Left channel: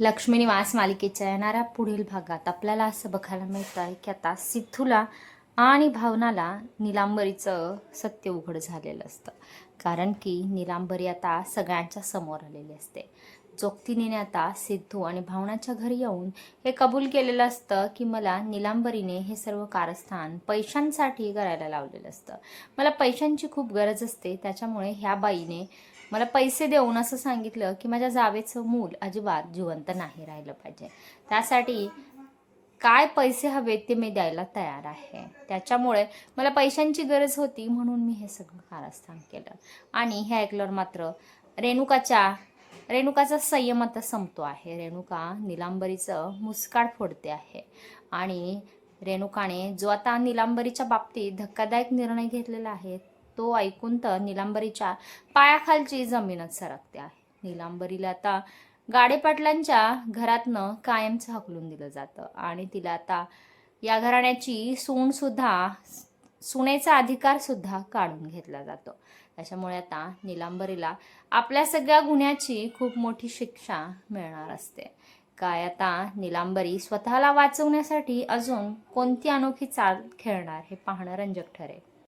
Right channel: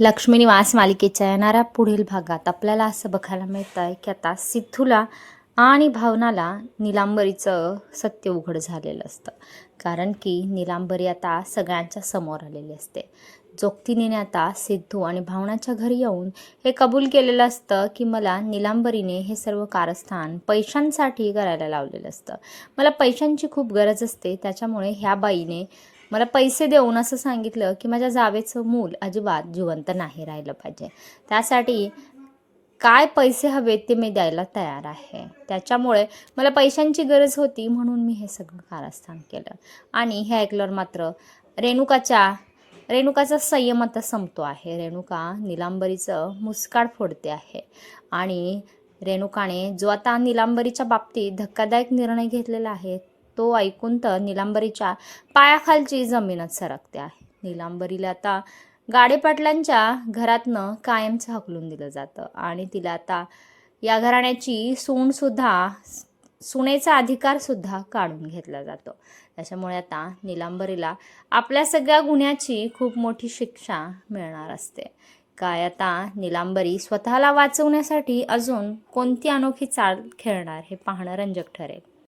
लक्ष्मी निवास मालिकेच्या येणाऱ्या पुढील भागात आपल्याला असं बघायला मिळतं आहे की आता सिद्धूला आणि भावनाला निलांबरीचं सत्य उघड झालेलं असतं. कारण की निलांबरी आता सगळ्यांच्या समोर आलेली असते. जोगतीने आता सिद्धू आणि भावनाच्या घरी येऊन हे कबूल केलेलं असतं की मला निलांबरीने हे सर्व कारस्थान पैशांसाठी करायला लावलेलं असतं. मला पैशांची खूप गरज असते, त्याच्यामुळे ह्या बाईने मला पैसे देऊन असं सांगितलं की माझ्या जावेचं मूल अजिबात जिवंत नाही राहिलं पाहिजे. त्यासाठी काय पैसे हवेत ते मी द्यायला तयार आहे. त्याच्यामुळे मला पैशांची गरज होती म्हणून मी हे सगळं कारस्थान केलं. आणि हे ऐकल्यावर मात्र रेणुकाचा संयम आता संपतो आहे. रेणुका निलांबरीचं मुस्काड फोडते आहे. आणि रेणुकाने जो आता निलांबरीच्या बाबतीत धक्कादायक निर्णय घेतलेला आहे तो ऐकून तर निलांबरीच्या पायाखालची जमीनच सरकते आहे. निलांबरीला आता गाडेपाटलांच्या घरातनं कायमचं हाकलून दिलं जातं आणि तिला आता या घराण्याची सुनेचा अधिकारसुद्धा काढून घेतला जातो. त्याच्यामुळे आता निलांबरीला आपल्या सगळ्या गुन्ह्याची खूप मोठी शिक्षा मिळणार असते. काय आता निलांबरी स्वतःला वाचवण्यासाठी अजून कोणती अनोखी चाल खेळणार हे पाहणं रंजक ठरेल.